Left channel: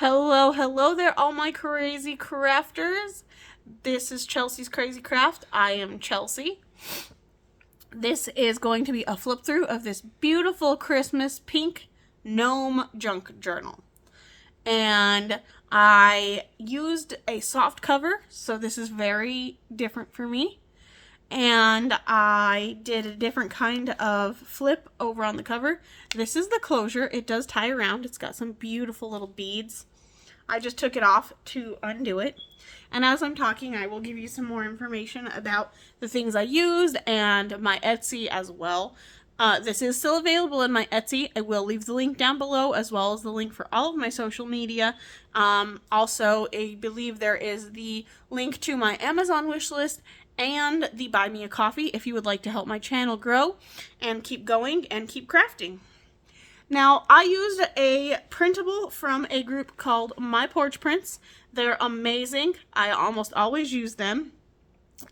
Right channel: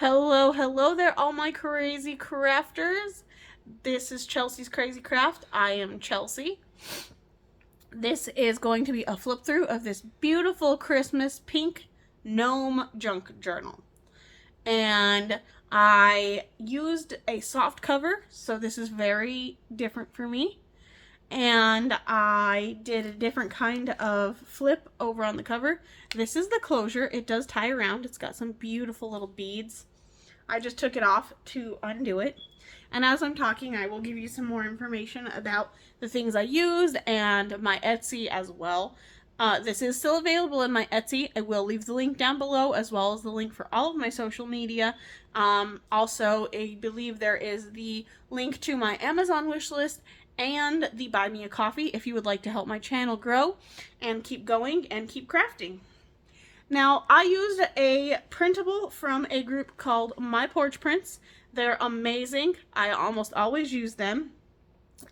Hello, hello there, all my crazy crafters. This is Chelsea's Crazy Craft. I am Chelsea. This is going to be a flip through of this beautiful Christmas pink gnome junk journal. And I used a soft cover, so this is very different for me. And I did a different kind of flip over on the cover. This is the closure. It does tie around. It's got some beautiful little beads. I just took it off to undo it. And as I'm talking, I will give you some more information about the things I used and my Etsy as well. This is still available in my Etsy. I will leave the link down below, as well as the link for all of my social media. Also, I believe there is the link to my Amazon wishlist and the Buy Me a Coffee if you would like to help my channel grow and keep going and keep crafting. Now, I used a printable from a group called My Porch Prints. They're amazing. I almost always use them.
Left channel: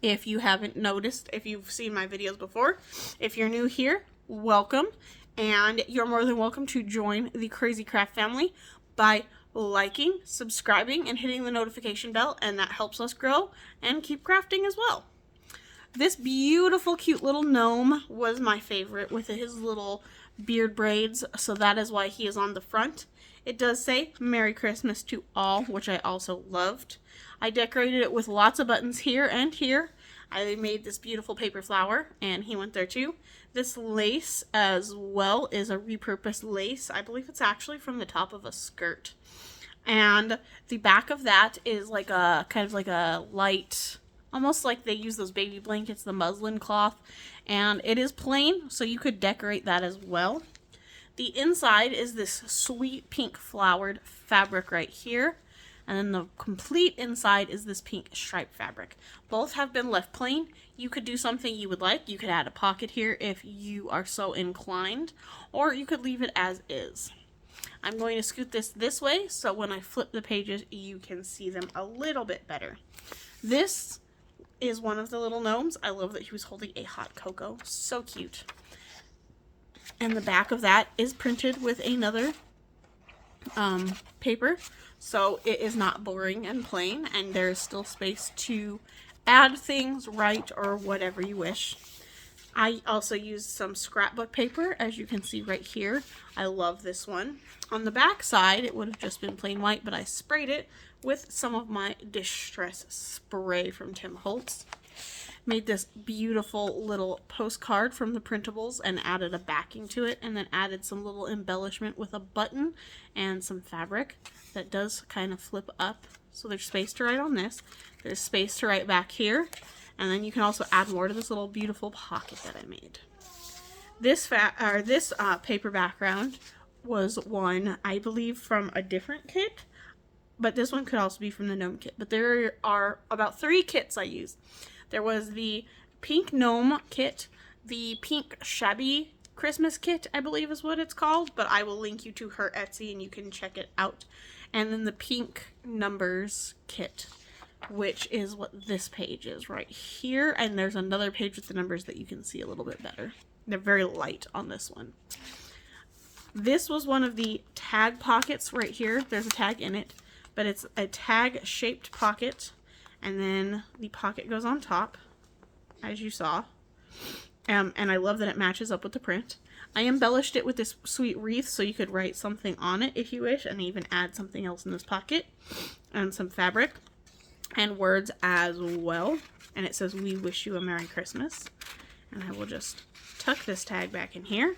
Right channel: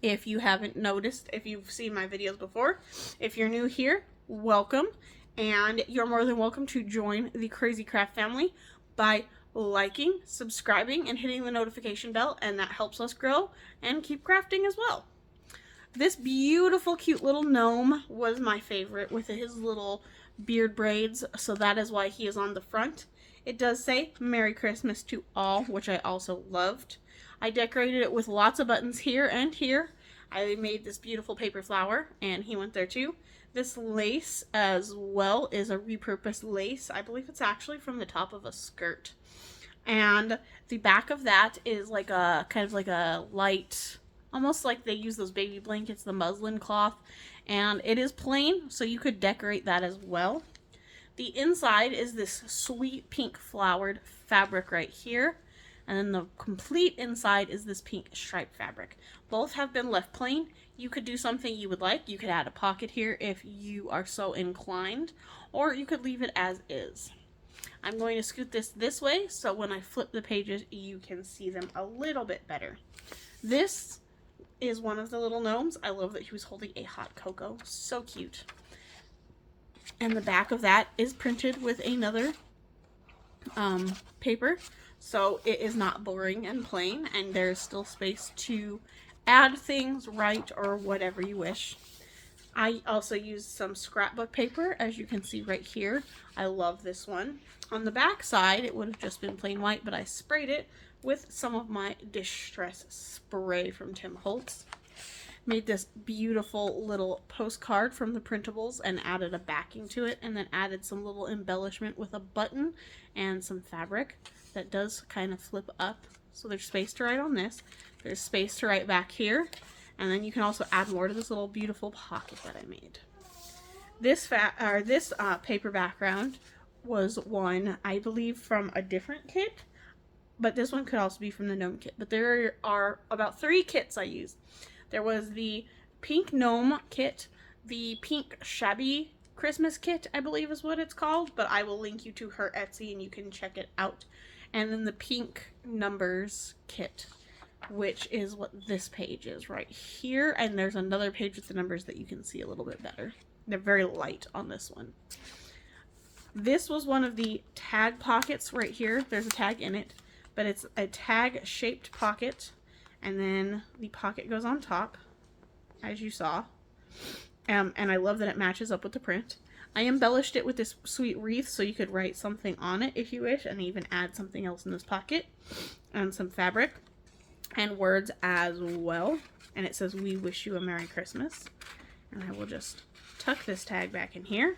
If you haven't noticed, if you've seen my videos before, if you're new here, welcome. And you're more than welcome to join the Crazy Craft family by liking, subscribing, and hitting the notification bell, and that helps us grow and keep crafting as well. This beautiful, cute little gnome was my favorite with his little beard braids, so that is why he is on the front. It does say Merry Christmas to all, which I also loved. I decorated it with lots of buttons here and here. I made this beautiful paper flower, and he went there too. This lace as well is a repurposed lace. I believe it's actually from the top of a skirt. And the back of that is like a kind of like a light, almost like they use those baby blankets, the muslin cloth. And it is plain, so you could decorate that as well. The inside is this sweet pink flowered fabric right here. And then the complete inside is this pink striped fabric. Both have been left plain. You could do something you would like. You could add a pocket here if you are so inclined, or you could leave it as is. I'm going to scoot this way so when I flip the pages, you can see them a little bit better. This is one of the little gnomes. I love that he was holding a hot cocoa. So cute. And the back of that is printed with another paper, so it is not boring and plain, and there is still space to add things, write, or whatever you wish. I also used some scrapbook paper, as you can see right here. I love this one. On the back side, it would have just been plain white, but I sprayed it with some of my Distress spray from Tim Holtz. Made this beautiful little postcard from the Printables and added a backing to it, and then added some little embellishment with a button and some fabric that does kind of flip up. So there's space to write on this. There's space to write back here, and then you can also add more to this little beautiful pocket that I made. This paper background was one, I believe, from a different kit, but this one could also be from the Gnome kit. But there are about 3 kits I used. There was the pink gnome kit, the pink shabby Christmas kit, I believe is what it's called, but I will link you to her Etsy and you can check it out. And then the pink numbers kit, which is what this page is right here. And there's another page with the numbers that you can see a little bit better. They're very light on this one. This was one of the tag pockets right here. There's a tag in it, but it's a tag shaped pocket. And then the pocket goes on top, as you saw. And I love that it matches up with the print. I embellished it with this sweet wreath so you could write something on it if you wish, and even add something else in this pocket. And some fabric and words as well. And it says, "We wish you a Merry Christmas." And I will just tuck this tag back in here.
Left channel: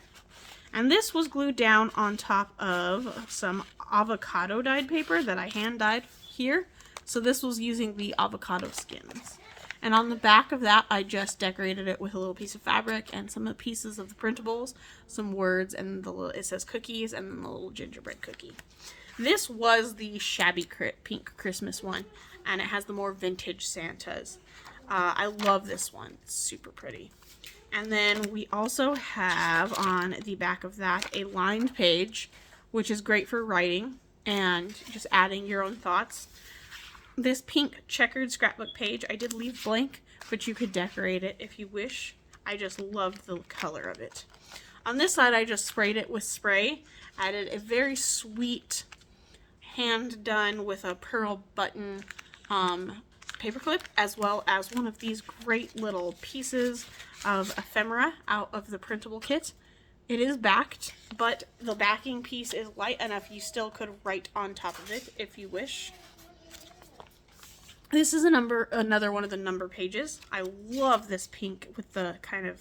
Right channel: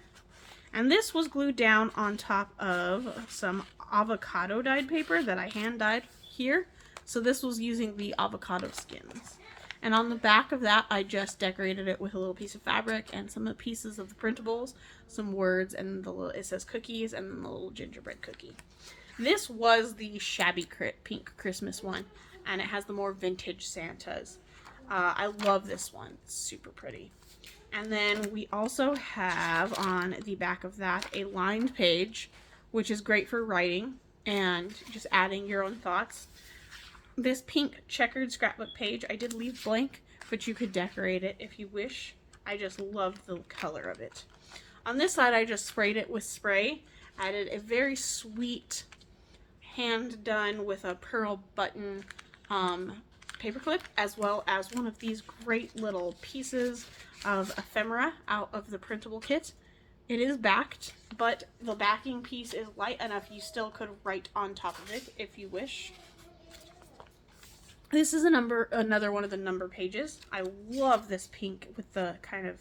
And this was glued down on top of some avocado dyed paper that I hand dyed here. So this was using the avocado skins. And on the back of that, I just decorated it with a little piece of fabric and some pieces of the Printables, some words, and it says cookies, and then the little gingerbread cookie. This was the shabby pink Christmas one, and it has the more vintage Santas. I love this one. It's super pretty. And then we also have on the back of that a lined page, which is great for writing and just adding your own thoughts. This pink checkered scrapbook page I did leave blank, but you could decorate it if you wish. I just loved the color of it. On this side, I just sprayed it with spray. Added a very sweet hand done with a pearl button paperclip, as well as one of these great little pieces of ephemera out of the printable kit. It is backed, but the backing piece is light enough you still could write on top of it if you wish. This is another one of the number pages. I love this pink with the kind of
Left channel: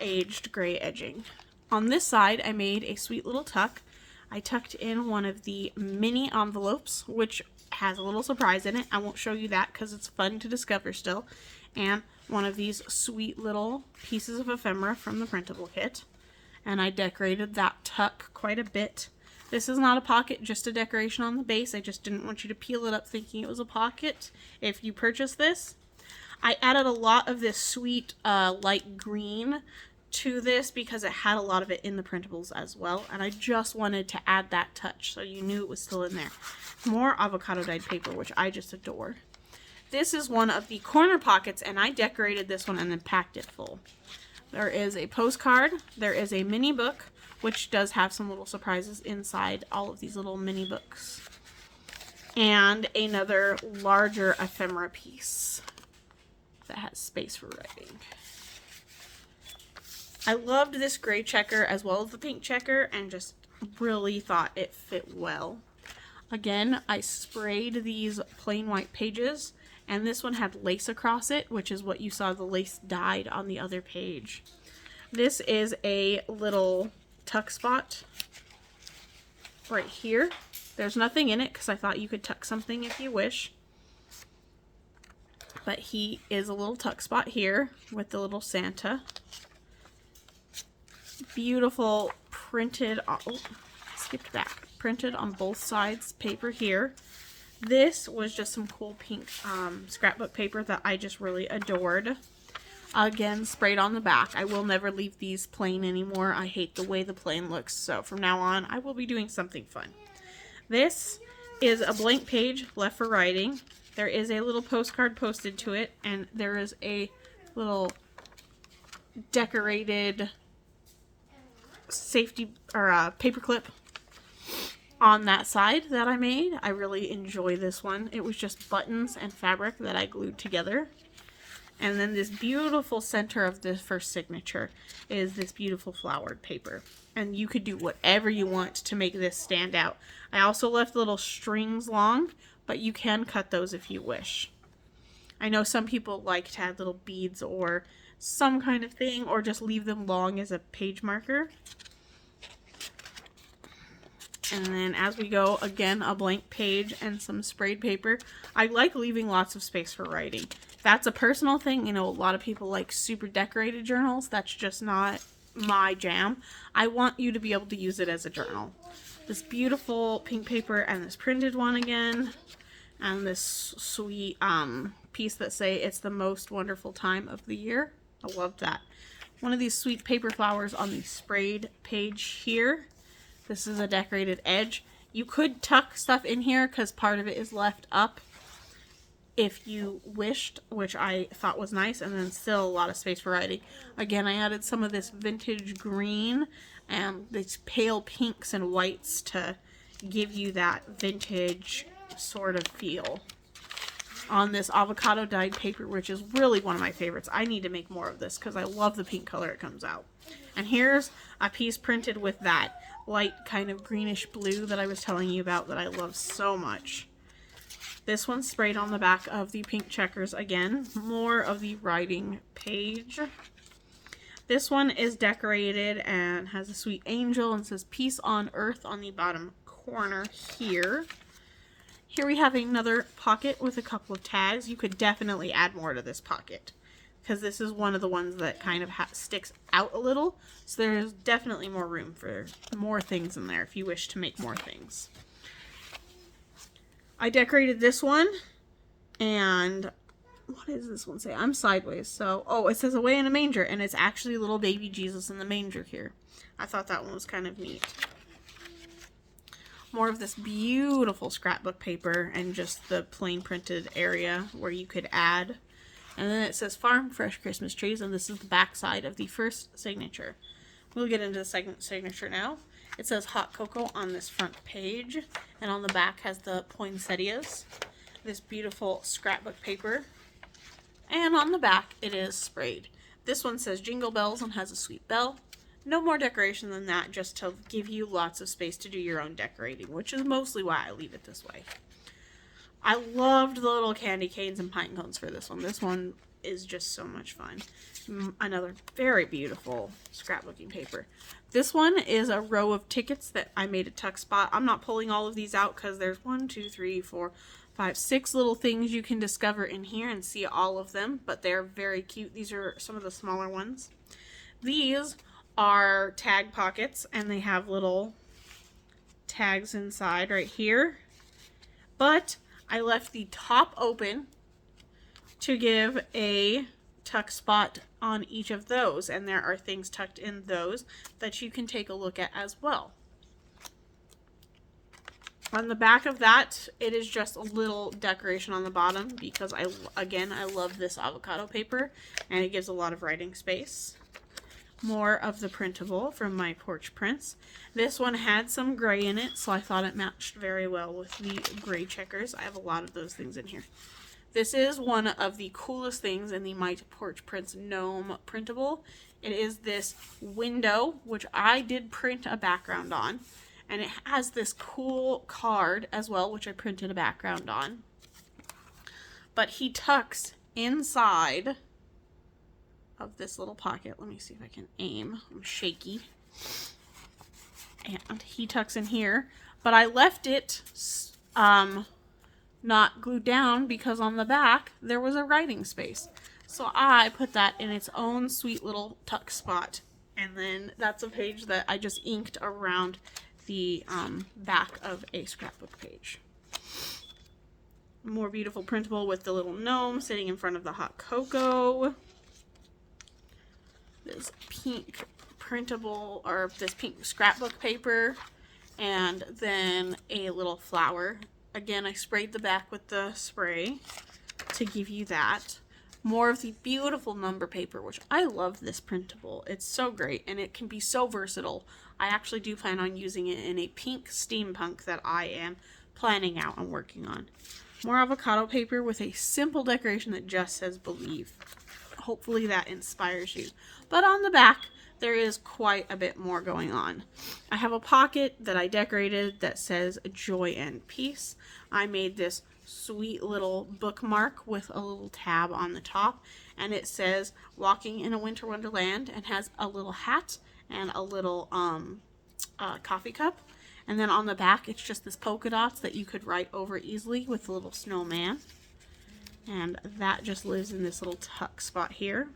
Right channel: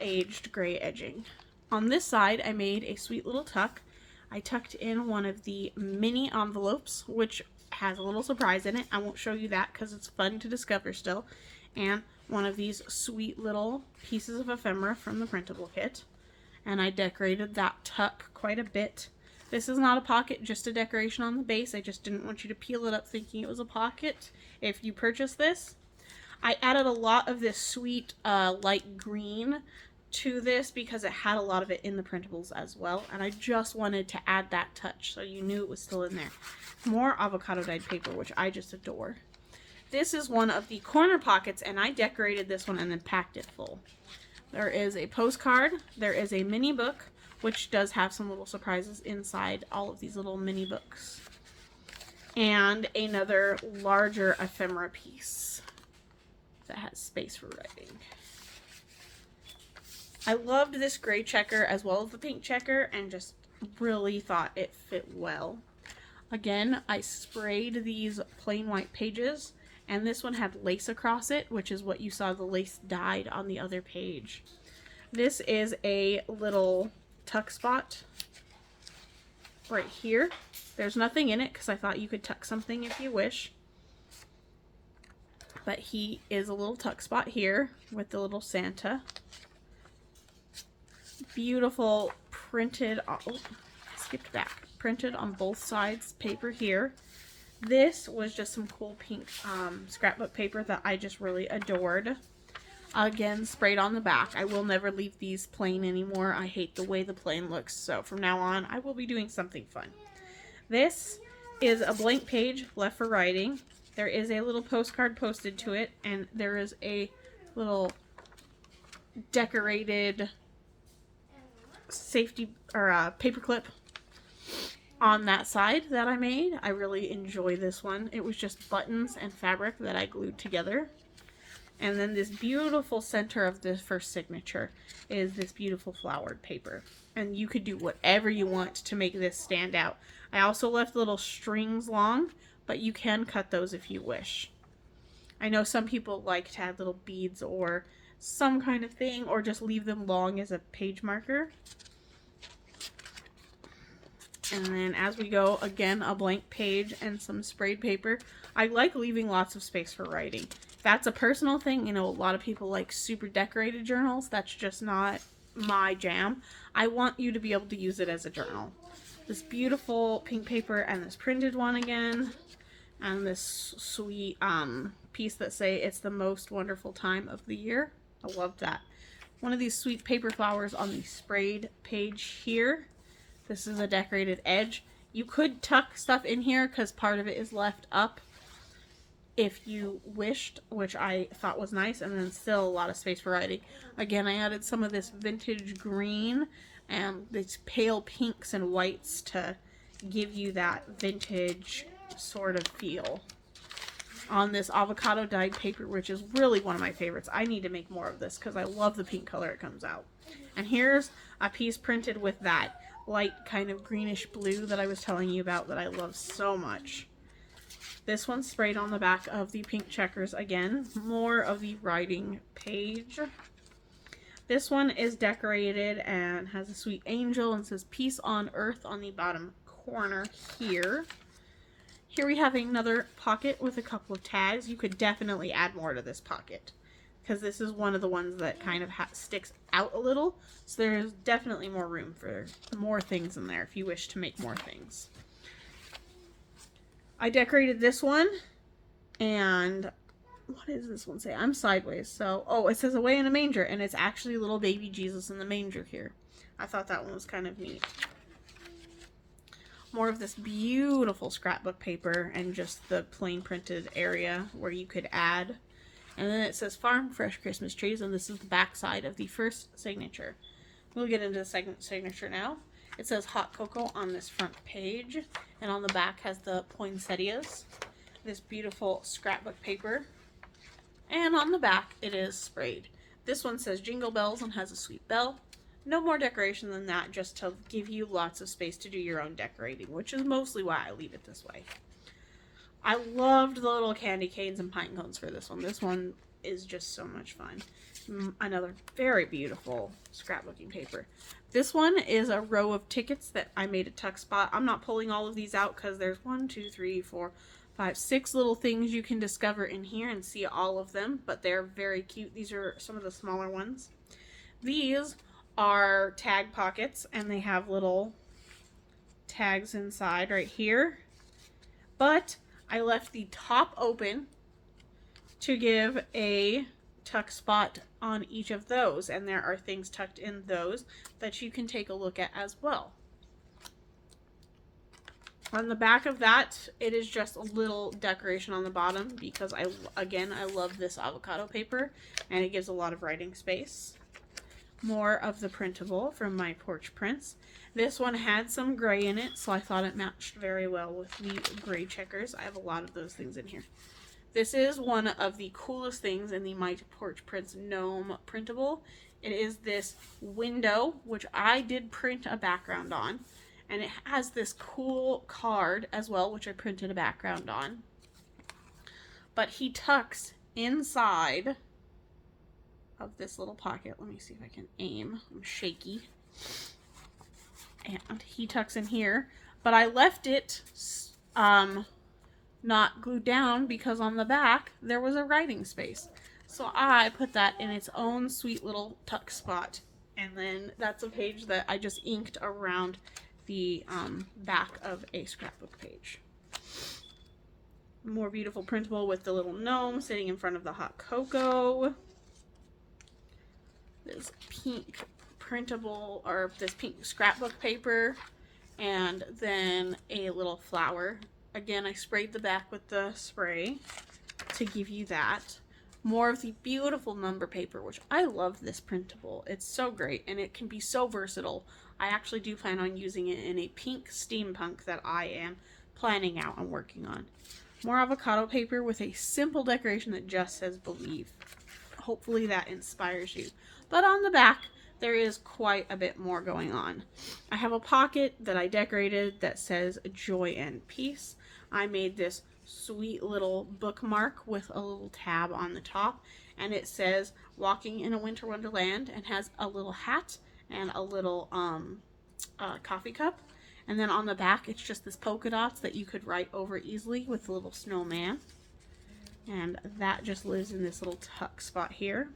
aged gray edging. On this side, I made a sweet little tuck. I tucked in one of the mini envelopes, which has a little surprise in it. I won't show you that because it's fun to discover still. And one of these sweet little pieces of ephemera from the printable kit. And I decorated that tuck quite a bit. This is not a pocket, just a decoration on the base. I just didn't want you to peel it up thinking it was a pocket if you purchase this. I added a lot of this sweet light green to this because it had a lot of it in the printables as well. And I just wanted to add that touch so you knew it was still in there. More avocado dyed paper, which I just adore. This is one of the corner pockets, and I decorated this one and then packed it full. There is a postcard, there is a mini book, which does have some little surprises inside all of these little mini books, and another larger ephemera piece that has space for writing. I loved this gray checker as well as the pink checker and just really thought it fit well. Again, I sprayed these plain white pages, and this one had lace across it, which is what you saw the lace dyed on the other page. This is a little tuck spot right here. There's nothing in it because I thought you could tuck something if you wish. But he is a little tuck spot here with the little Santa. Beautiful printed, skipped back, printed on both sides paper here. This was just some cool pink scrapbook paper that I just really adored. Again, sprayed on the back. I will never leave these plain anymore. I hate the way the plain looks, so from now on I will be doing something fun. This is a blank page left for writing. There is a little postcard posted to it, and there is a little decorated safety or paper clip on that side that I made. I really enjoy this one. It was just buttons and fabric that I glued together. And then this beautiful center of this first signature is this beautiful flowered paper. And you could do whatever you want to make this stand out. I also left little strings long, but you can cut those if you wish. I know some people like to add little beads or some kind of thing, or just leave them long as a page marker. And then as we go, again, a blank page and some sprayed paper. I like leaving lots of space for writing. That's a personal thing. You know, a lot of people like super decorated journals. That's just not my jam. I want you to be able to use it as a journal. This beautiful pink paper and this printed one again. And this sweet piece that say it's the most wonderful time of the year. I love that. One of these sweet paper flowers on the sprayed page here. This is a decorated edge. You could tuck stuff in here because part of it is left up if you wished, which I thought was nice, and then still a lot of space for writing. Again, I added some of this vintage green and these pale pinks and whites to give you that vintage sort of feel on this avocado dyed paper, which is really one of my favorites. I need to make more of this because I love the pink color it comes out. And here's a piece printed with that light kind of greenish blue that I was telling you about that I love so much. This one's sprayed on the back of the pink checkers again. More of the writing page. This one is decorated and has a sweet angel and says peace on earth on the bottom corner here. Here we have another pocket with a couple of tags. You could definitely add more to this pocket because this is one of the ones that kind of sticks out a little. So there's definitely more room for more things in there if you wish to make more things. I decorated this one, and what does this one say? I'm sideways, so, oh, it says away in a manger, and it's actually little baby Jesus in the manger here. I thought that one was kind of neat. More of this beautiful scrapbook paper and just the plain printed area where you could add. And then it says farm fresh Christmas trees, and this is the back side of the first signature. We'll get into the second signature now. It says hot cocoa on this front page, and on the back has the poinsettias, this beautiful scrapbook paper, and on the back it is sprayed. This one says jingle bells and has a sweet bell. No more decoration than that, just to give you lots of space to do your own decorating, which is mostly why I leave it this way. I loved the little candy canes and pine cones for this one. This one is just so much fun. Another very beautiful scrapbooking paper. This one is a row of tickets that I made a tuck spot. I'm not pulling all of these out because there's 1, 2, 3, 4, 5, 6 little things you can discover in here and see all of them, but they're very cute. These are some of the smaller ones. These are tag pockets, and they have little tags inside right here, but I left the top open to give a tuck spot on each of those, and there are things tucked in those that you can take a look at as well. On the back of that, it is just a little decoration on the bottom because I love this avocado paper, and it gives a lot of writing space. More of the printable from my Porch Prints. This one had some gray in it, so I thought it matched very well with the gray checkers. I have a lot of those things in here. This is one of the coolest things in the My Porch Prints Gnome printable. It is this window, which I did print a background on, and it has this cool card as well, which I printed a background on. But he tucks inside of this little pocket. Let me see if I can aim. I'm shaky. And he tucks in here, but I left it not glued down because on the back there was a writing space. So I put that in its own sweet little tuck spot. And then that's a page that I just inked around the back of a scrapbook page. More beautiful printable with the little gnome sitting in front of the hot cocoa. This pink printable, or this pink scrapbook paper, and then a little flower. Again, I sprayed the back with the spray to give you that. More of the beautiful number paper, which I love this printable. It's so great, and it can be so versatile. I actually do plan on using it in a pink steampunk that I am planning out and working on. More avocado paper with a simple decoration that just says believe. Hopefully that inspires you. But on the back, there is quite a bit more going on. I have a pocket that I decorated that says joy and peace. I made this sweet little bookmark with a little tab on the top, and it says walking in a winter wonderland, and has a little hat and a little coffee cup. And then on the back, it's just this polka dots that you could write over easily with a little snowman. And that just lives in this little tuck spot here.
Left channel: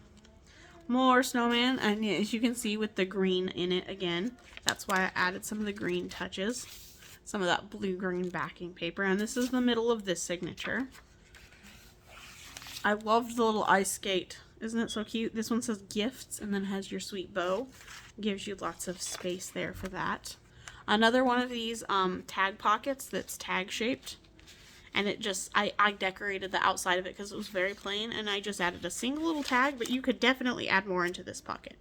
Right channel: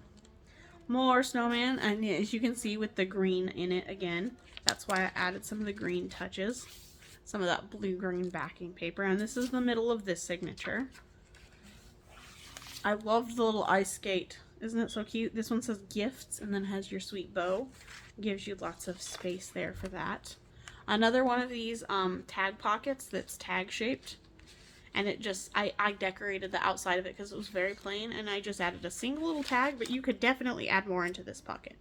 More snowman, and as you can see with the green in it again, that's why I added some of the green touches, some of that blue-green backing paper, and this is the middle of this signature. I loved the little ice skate. Isn't it so cute? This one says gifts and then has your sweet bow. Gives you lots of space there for that. Another one of these tag pockets that's tag shaped. And it just, I decorated the outside of it because it was very plain, and I just added a single little tag, but you could definitely add more into this pocket.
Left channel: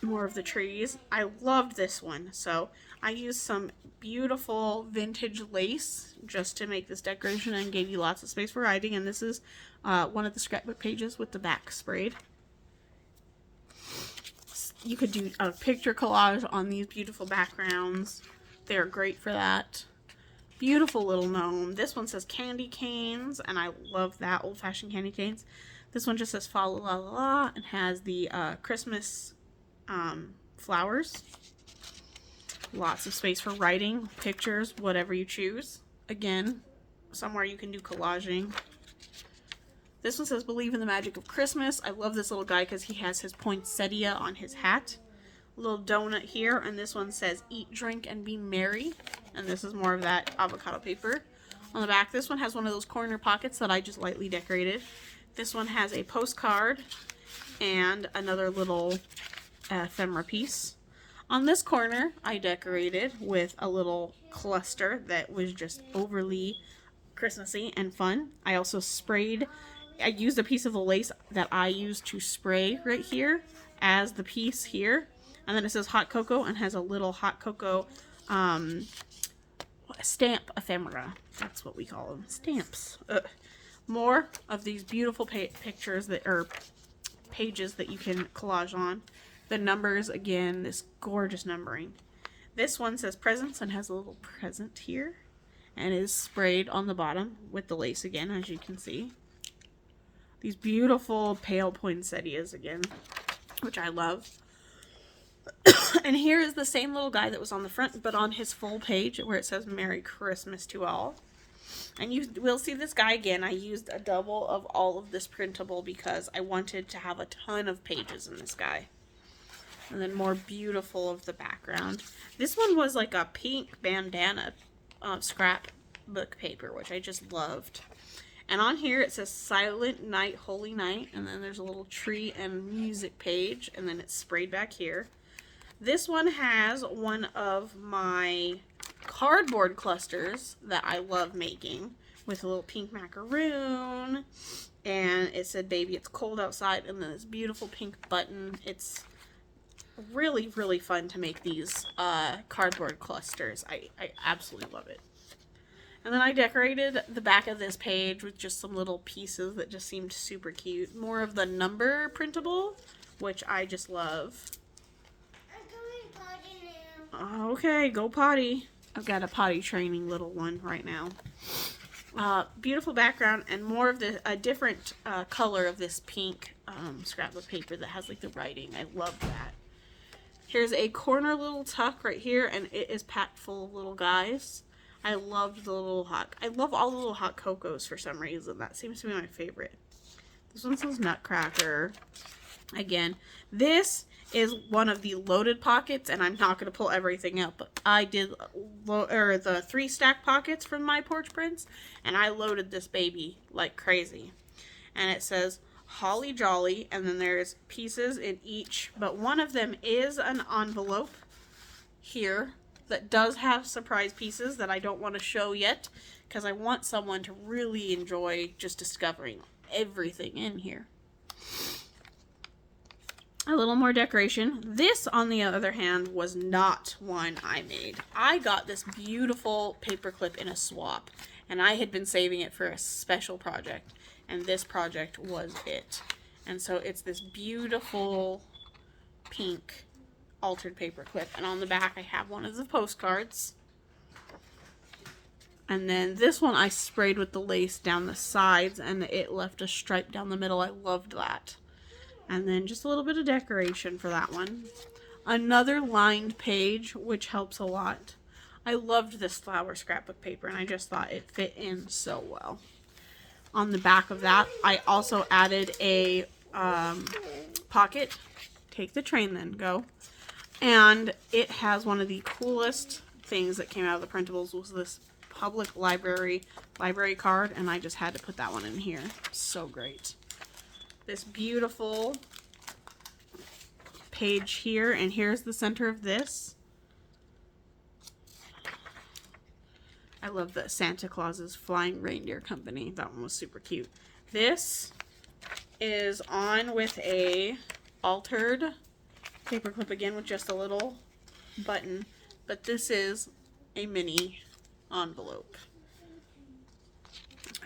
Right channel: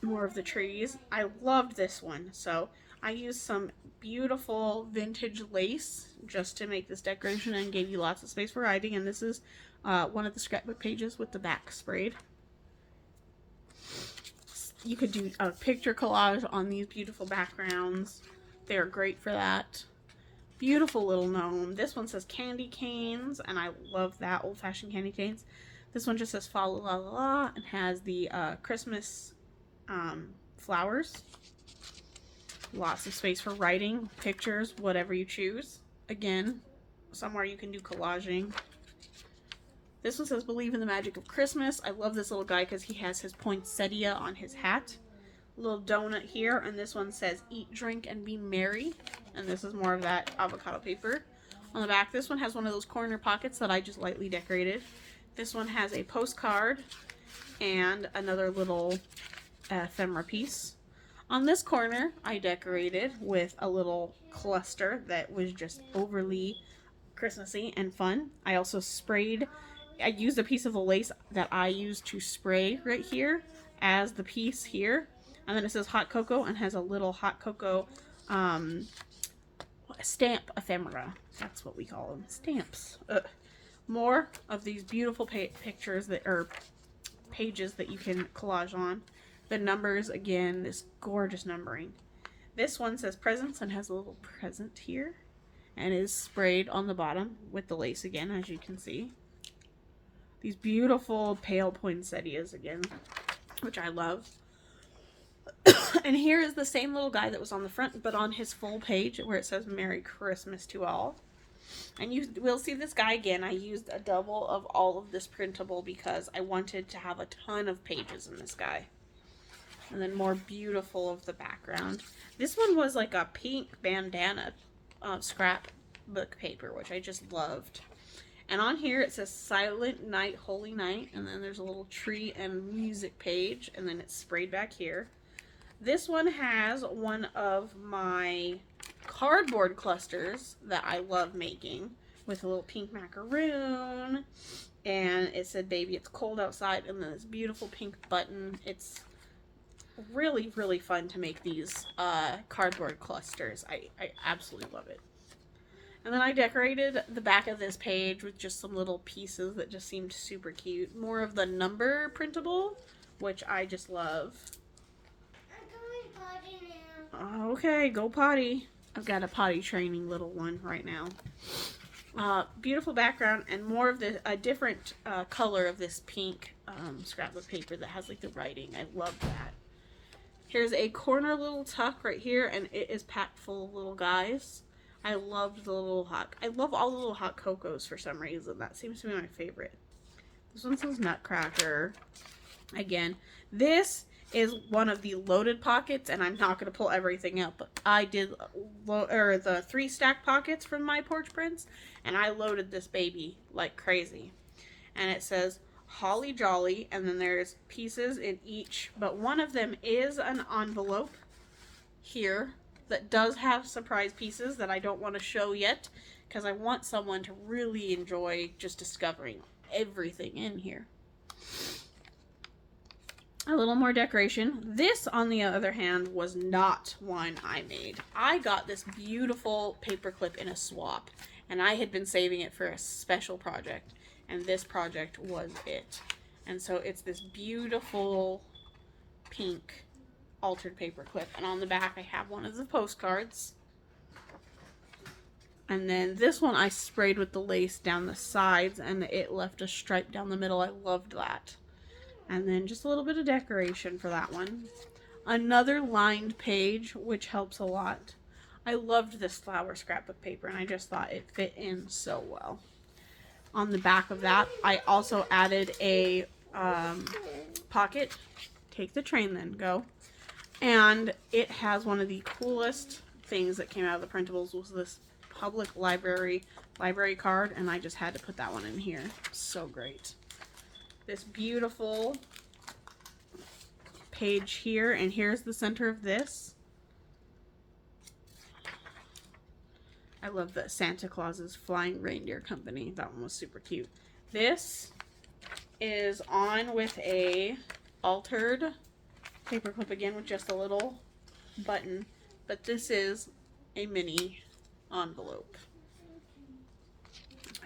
More of the trees. I loved this one, so I used some beautiful vintage lace just to make this decoration and gave you lots of space for writing, and this is one of the scrapbook pages with the back sprayed. You could do a picture collage on these beautiful backgrounds. They're great for that. Beautiful little gnome. This one says candy canes, and I love that, old-fashioned candy canes. This one just says fa la la la and has the Christmas flowers. Lots of space for writing, pictures, whatever you choose. Again, somewhere you can do collaging. This one says believe in the magic of Christmas. I love this little guy because he has his poinsettia on his hat. A little donut here, and this one says eat, drink, and be merry. And this is more of that avocado paper. On the back, this one has one of those corner pockets that I just lightly decorated. This one has a postcard and another little ephemera piece. On this corner, I decorated with a little cluster that was just overly Christmassy and fun. I also I used a piece of the lace that I used to spray right here as the piece here. And then it says hot cocoa and has a little hot cocoa stamp ephemera. That's what we call them. Stamps. More of these beautiful pictures that are pages that you can collage on. The numbers, again, this gorgeous numbering. This one says presents and has a little present here. And is sprayed on the bottom with the lace again, as you can see. These beautiful pale poinsettias again, which I love. And here is the same little guy that was on the front, but on his full page where it says Merry Christmas to all. And you will see this guy again. I used a double of all of this printable because I wanted to have a ton of pages in this guy. And then more beautiful of the background. This one was like a pink bandana scrapbook paper, which I just loved. And on here it says Silent Night, Holy Night. And then there's a little tree and music page. And then it's sprayed back here. This one has one of my cardboard clusters that I love making with a little pink macaroon. And it said, baby, it's cold outside. And then this beautiful pink button. It's really, really fun to make these cardboard clusters. I absolutely love it. And then I decorated the back of this page with just some little pieces that just seemed super cute. More of the number printable, which I just love. Okay, go potty. I've got a potty training little one right now. Beautiful background and more of a different color of this pink scrapbook paper that has like the writing. I love that. Here's a corner little tuck right here, and it is packed full of little guys. I loved the little I love all the little hot cocos for some reason. That seems to be my favorite. This one says Nutcracker. Again, this is one of the loaded pockets, and I'm not going to pull everything up, but I did the 3 stack pockets from my Porch Prints, and I loaded this baby like crazy. And it says Holly Jolly, and then there's pieces in each, but one of them is an envelope here that does have surprise pieces that I don't want to show yet, because I want someone to really enjoy just discovering everything in here. A little more decoration. This, on the other hand, was not one I made. I got this beautiful paper clip in a swap, and I had been saving it for a special project, and this project was it. And so it's this beautiful pink altered paper clip, and on the back I have one of the postcards. And then this one I sprayed with the lace down the sides, and it left a stripe down the middle. I loved that. And then just a little bit of decoration for that one. Another lined page, which helps a lot. I loved this flower scrapbook paper, and I just thought it fit in so well. On the back of that, I also added a pocket. Take the train then, go. And it has one of the coolest things that came out of the printables was this public library card, and I just had to put that one in here. So great. This beautiful page here, and here's the center of this. I love that Santa Claus's Flying Reindeer Company. That one was super cute. This is on with a altered paper clip again with just a little button, but this is a mini envelope.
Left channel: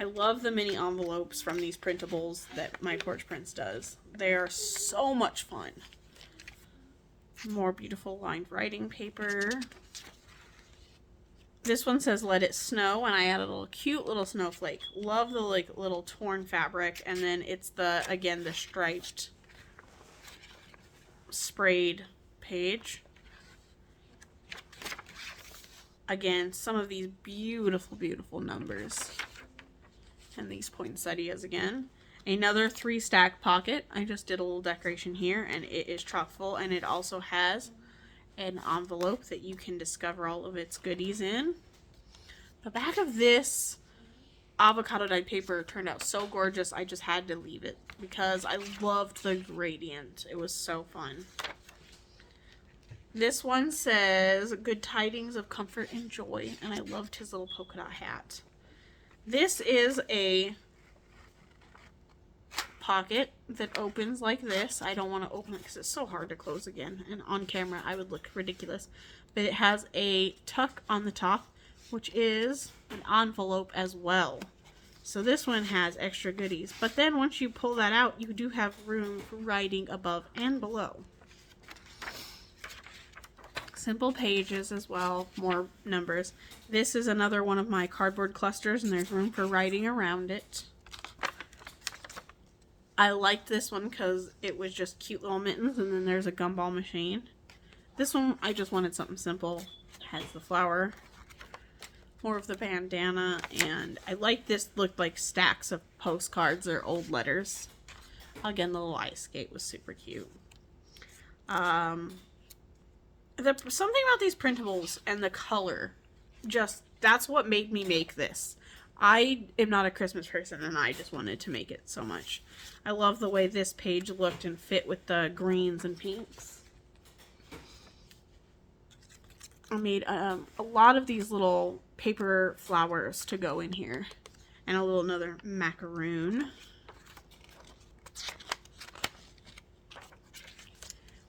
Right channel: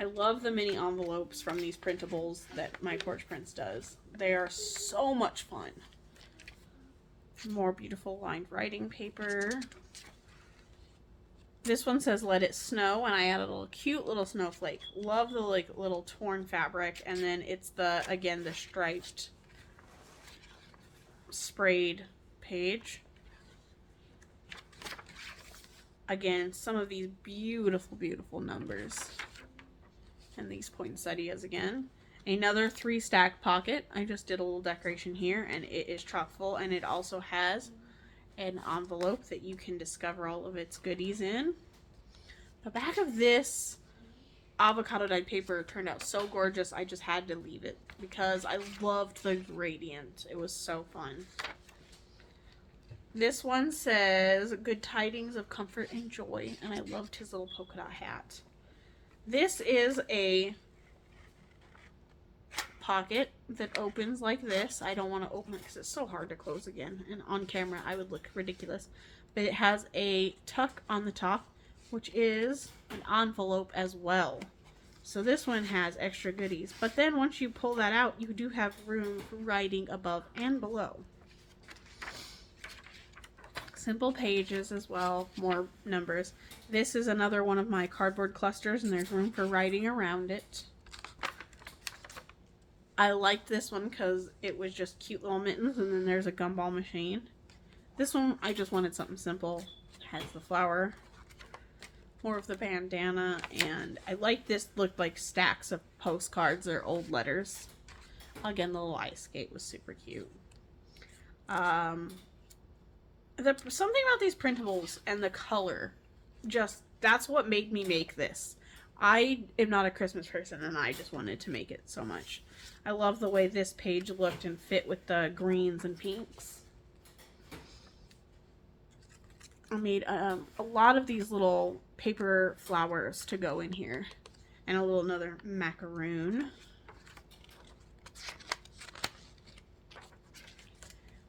I love the mini envelopes from these printables that my Porch Prints does. They are so much fun. More beautiful lined writing paper. This one says Let It Snow, and I added a little cute little snowflake. Love the like little torn fabric, and then it's the striped sprayed page. Again, some of these beautiful, beautiful numbers. And these poinsettias again. Another 3 stack pocket. I just did a little decoration here, and it is chock full, and it also has an envelope that you can discover all of its goodies in. The back of this avocado dyed paper turned out so gorgeous, I just had to leave it because I loved the gradient. It was so fun. This one says Good Tidings of Comfort and Joy, and I loved his little polka dot hat. This is a pocket that opens like this. I don't want to open it because it's so hard to close again, and on camera I would look ridiculous. But it has a tuck on the top, which is an envelope as well. So this one has extra goodies. But then once you pull that out, you do have room for writing above and below. Simple pages as well, more numbers. This is another one of my cardboard clusters, and there's room for writing around it. I liked this one because it was just cute little mittens, and then there's a gumball machine. This one, I just wanted something simple. It has the flower, more of the bandana, and I like this. Looked like stacks of postcards or old letters. Again, the little ice skate was super cute. Something about these printables and the color, just, that's what made me make this. I am not a Christmas person, and I just wanted to make it so much. I love the way this page looked and fit with the greens and pinks. I made a lot of these little paper flowers to go in here, and a little another macaroon.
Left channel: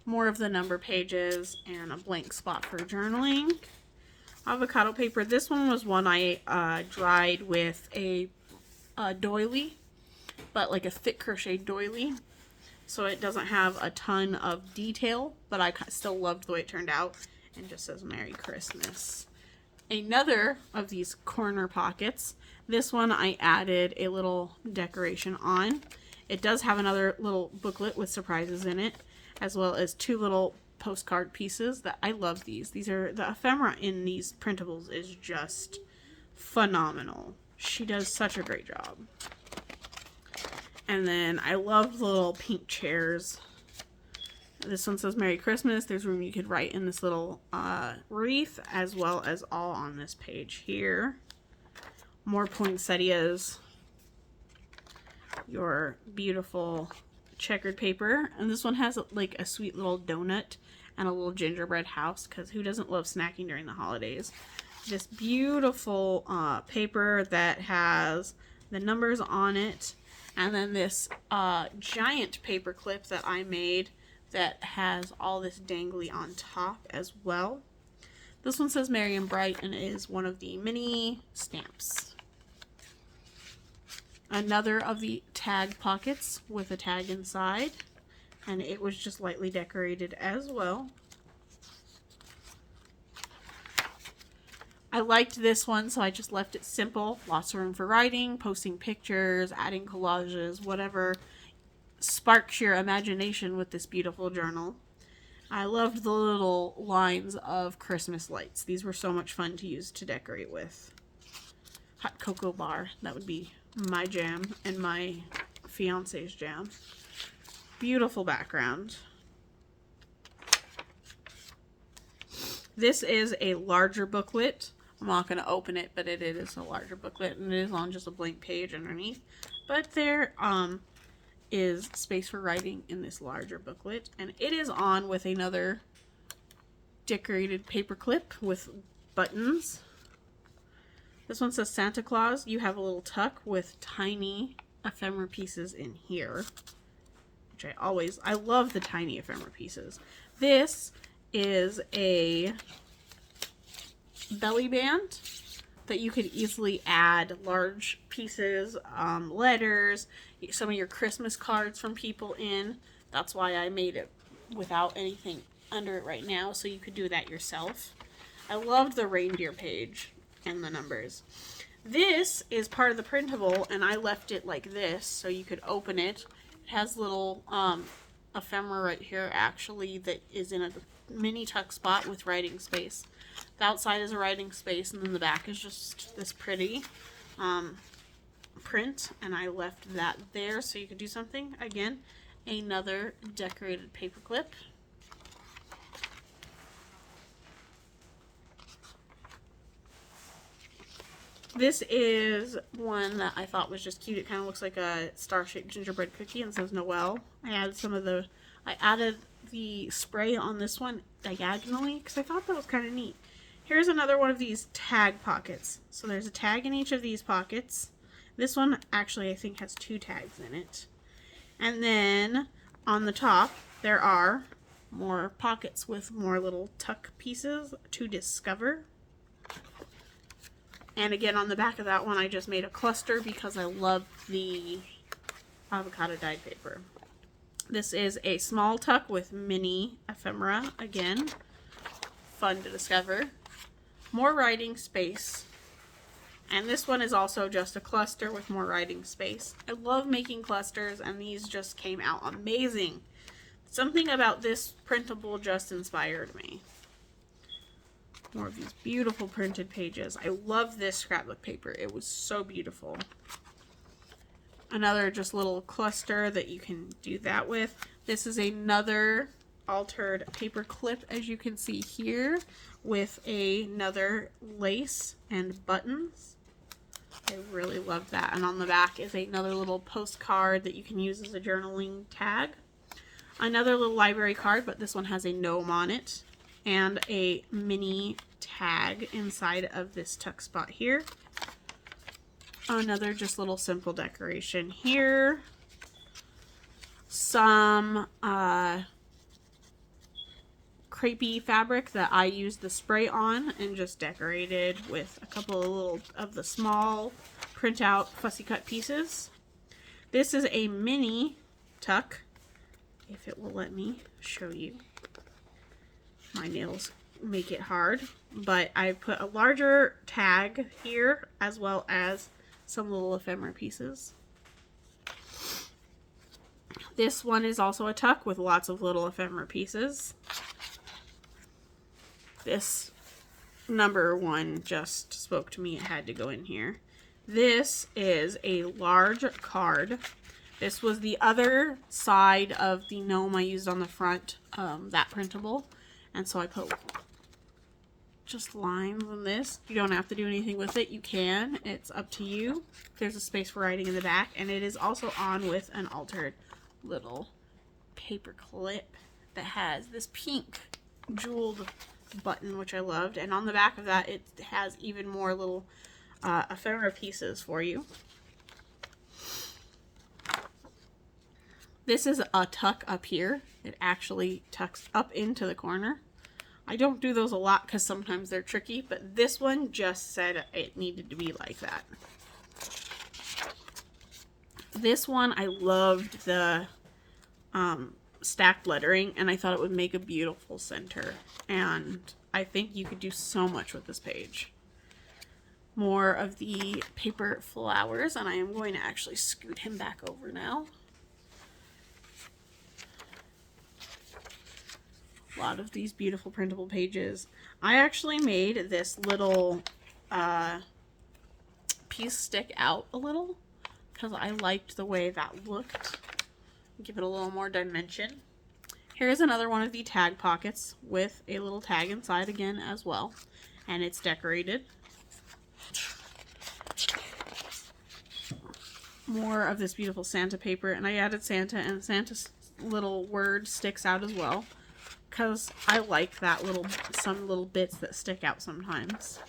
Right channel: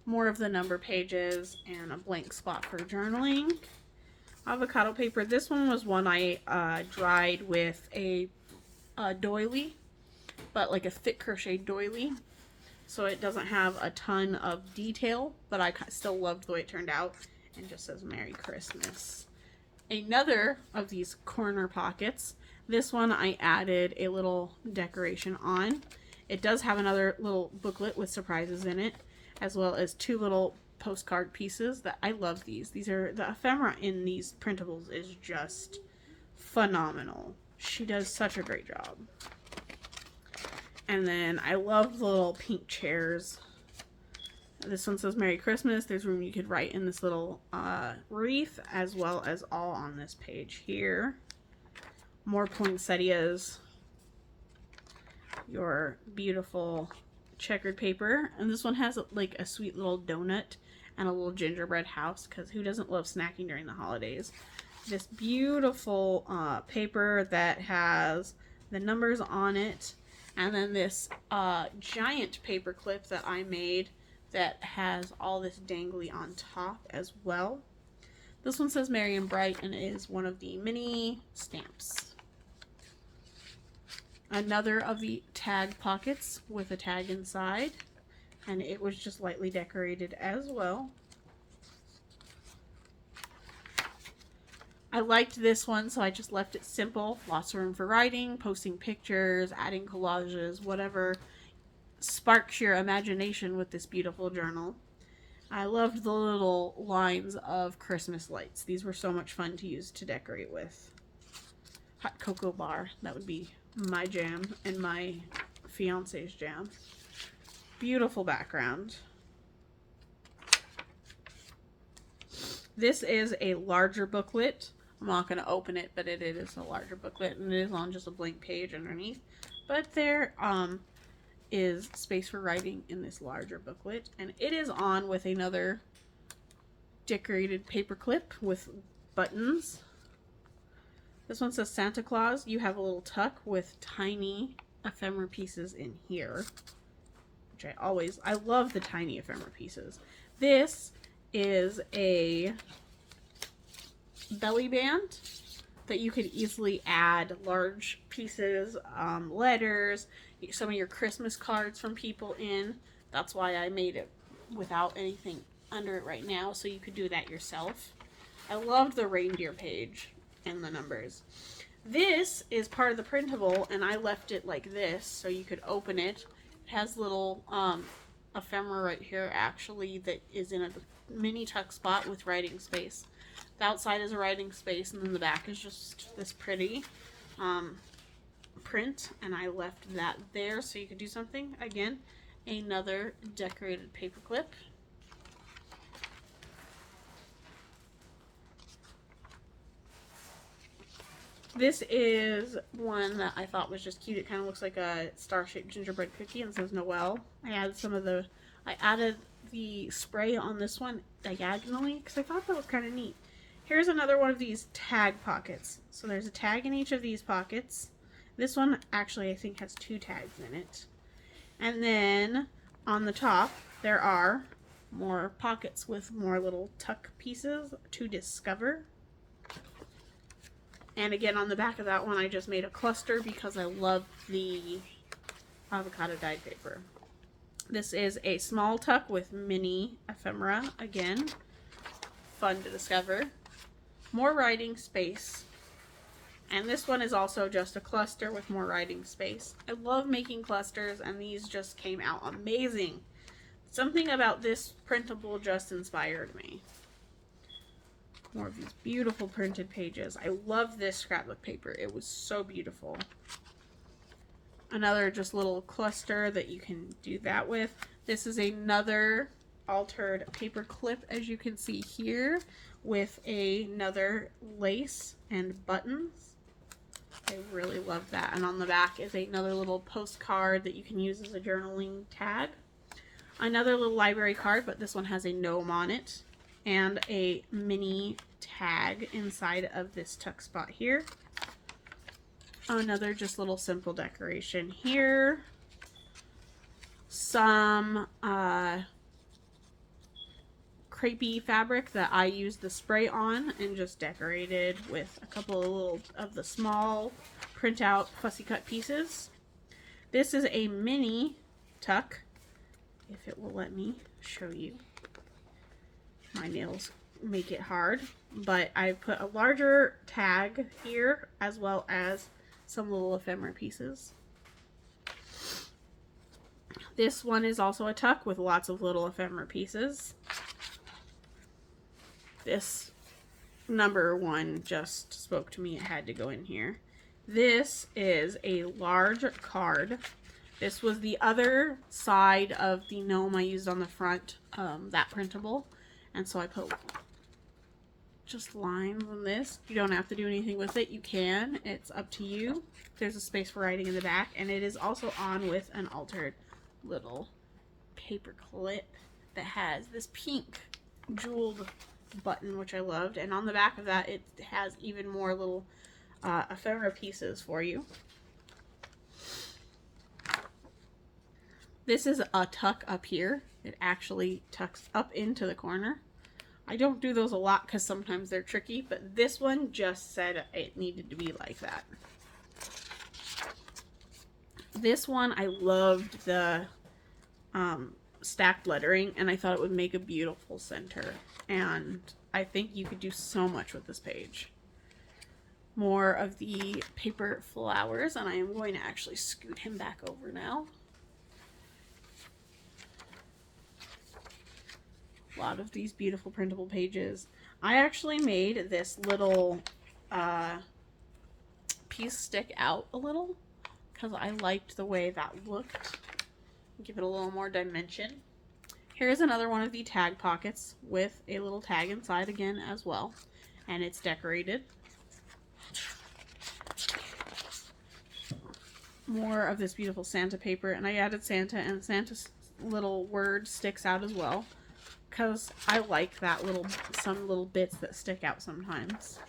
More of the number pages and a blank spot for journaling. Avocado paper. This one was one I dried with a doily, but like a thick crochet doily. So it doesn't have a ton of detail, but I still loved the way it turned out. And just says Merry Christmas. Another of these corner pockets. This one I added a little decoration on. It does have another little booklet with surprises in it, as well as two little postcard pieces that I love these. These are, the ephemera in these printables is just phenomenal. She does such a great job. And then I love the little pink chairs. This one says Merry Christmas. There's room you could write in this little wreath, as well as all on this page here. More poinsettias. Your beautiful checkered paper. And this one has like a sweet little donut and a little gingerbread house, because who doesn't love snacking during the holidays? This beautiful paper that has the numbers on it, and then this giant paper clip that I made that has all this dangly on top as well. This one says Merry and Bright, and it is one of the mini stamps. Another of the tag pockets with a tag inside, and it was just lightly decorated as well. I liked this one, so I just left it simple. Lots of room for writing, posting pictures, adding collages, whatever sparks your imagination with this beautiful journal. I loved the little lines of Christmas lights. These were so much fun to use to decorate with. Hot cocoa bar, that would be my jam and my fiance's jam. Beautiful background. This is a larger booklet. I'm not going to open it, but it is a larger booklet, and it is on just a blank page underneath. But there is space for writing in this larger booklet, and it is on with another decorated paper clip with buttons. This one says Santa Claus. You have a little tuck with tiny ephemera pieces in here, which I love the tiny ephemera pieces. This is a belly band that you could easily add large pieces, letters, some of your Christmas cards from people in. That's why I made it without anything under it right now, so you could do that yourself. I loved the reindeer page and the numbers. This is part of the printable, and I left it like this so you could open it. It has little ephemera right here, actually, that is in a mini tuck spot with writing space. The outside is a writing space, and then the back is just this pretty print, and I left that there so you could do something. Again, another decorated paper clip. This is one that I thought was just cute. It kind of looks like a star-shaped gingerbread cookie and says Noel. I added the spray on this one diagonally because I thought that was kind of neat. Here's another one of these tag pockets. So there's a tag in each of these pockets. This one actually I think has 2 tags in it. And then on the top, there are more pockets with more little tuck pieces to discover. And again, on the back of that one, I just made a cluster because I love the avocado dyed paper. This is a small tuck with mini ephemera. Again, fun to discover. More writing space. And this one is also just a cluster with more writing space. I love making clusters, and these just came out amazing. Something about this printable just inspired me. More of these beautiful printed pages. I love this scrapbook paper. It was so beautiful. Another just little cluster that you can do that with. This is another altered paper clip, as you can see here, with another lace and buttons. I really love that. And on the back is another little postcard that you can use as a journaling tag. Another little library card, but this one has a gnome on it. And a mini tag inside of this tuck spot here. Another just little simple decoration here. Some crepey fabric that I used the spray on and just decorated with a couple of little of the small printout fussy cut pieces. This is a mini tuck, if it will let me show you. My nails make it hard, but I put a larger tag here as well as some little ephemera pieces. This one is also a tuck with lots of little ephemera pieces. This number one just spoke to me. It had to go in here. This is a large card. This was the other side of the gnome I used on the front, that printable. And so I put just lines on this. You don't have to do anything with it. You can. It's up to you. There's a space for writing in the back. And it is also on with an altered little paper clip that has this pink jeweled button, which I loved. And on the back of that, it has even more little ephemera pieces for you. This is a tuck up here. It actually tucks up into the corner. I don't do those a lot because sometimes they're tricky, but this one just said it needed to be like that. This one, I loved the stacked lettering, and I thought it would make a beautiful center. And I think you could do so much with this page. More of the paper flowers, and I am going to actually scoot him back over now. A lot of these beautiful printable pages. I actually made this little piece stick out a little because I liked the way that looked. Give it a little more dimension. Here's another one of the tag pockets with a little tag inside again as well, and it's decorated. More of this beautiful Santa paper, and I added Santa, and Santa's little word sticks out as well because I like that some little bits that stick out sometimes.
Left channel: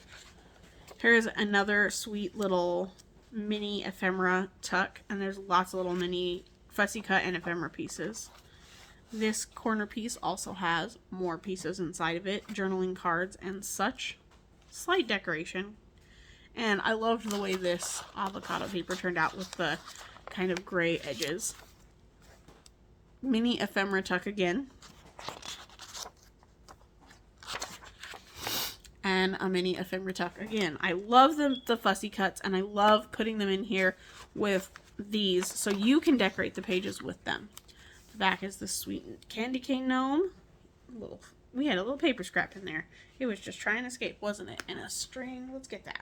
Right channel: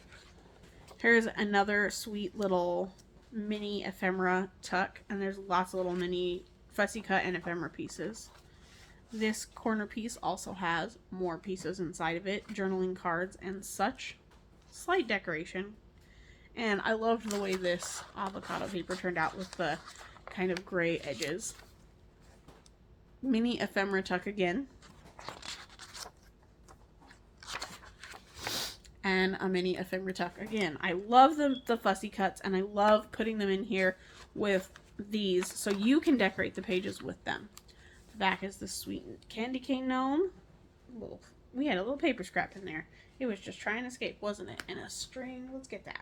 Here's another sweet little mini ephemera tuck, and there's lots of little mini fussy cut and ephemera pieces. This corner piece also has more pieces inside of it, journaling cards and such. Slight decoration. And I loved the way this avocado paper turned out with the kind of gray edges. Mini ephemera tuck again. And a mini ephemera tuck again. I love the fussy cuts, and I love putting them in here with these so you can decorate the pages with them. The back is this sweet candy cane gnome. We had a little paper scrap in there. It was just trying to escape, wasn't it? And a string. Let's get that.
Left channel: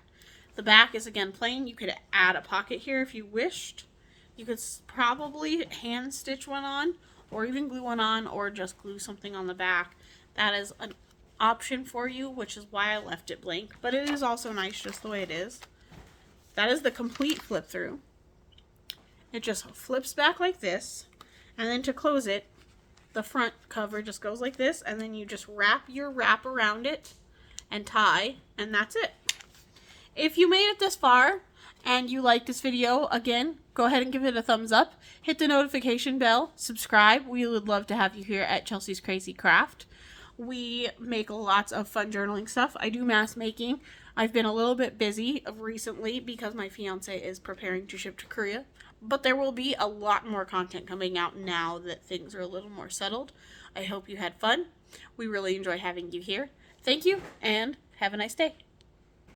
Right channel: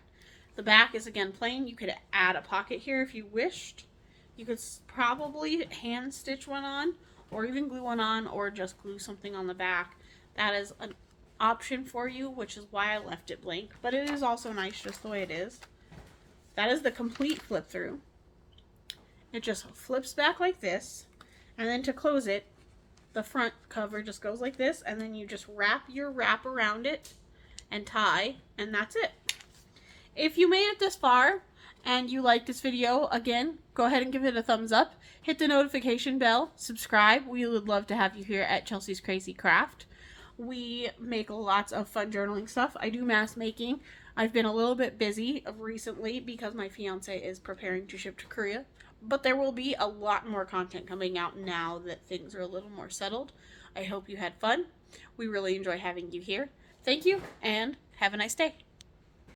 The back is again plain. You could add a pocket here if you wished. You could probably hand stitch one on, or even glue one on, or just glue something on the back. That is an option for you, which is why I left it blank, but it is also nice just the way it is. That is the complete flip through. It just flips back like this, and then to close it, the front cover just goes like this, and then you just wrap your wrap around it and tie, and that's it. If you made it this far and you like this video, again, go ahead and give it a thumbs up. Hit the notification bell. Subscribe. We would love to have you here at Chelsea's Crazy Craft. We make lots of fun journaling stuff. I do mask making. I've been a little bit busy recently because my fiance is preparing to ship to Korea. But there will be a lot more content coming out now that things are a little more settled. I hope you had fun. We really enjoy having you here. Thank you, and have a nice day.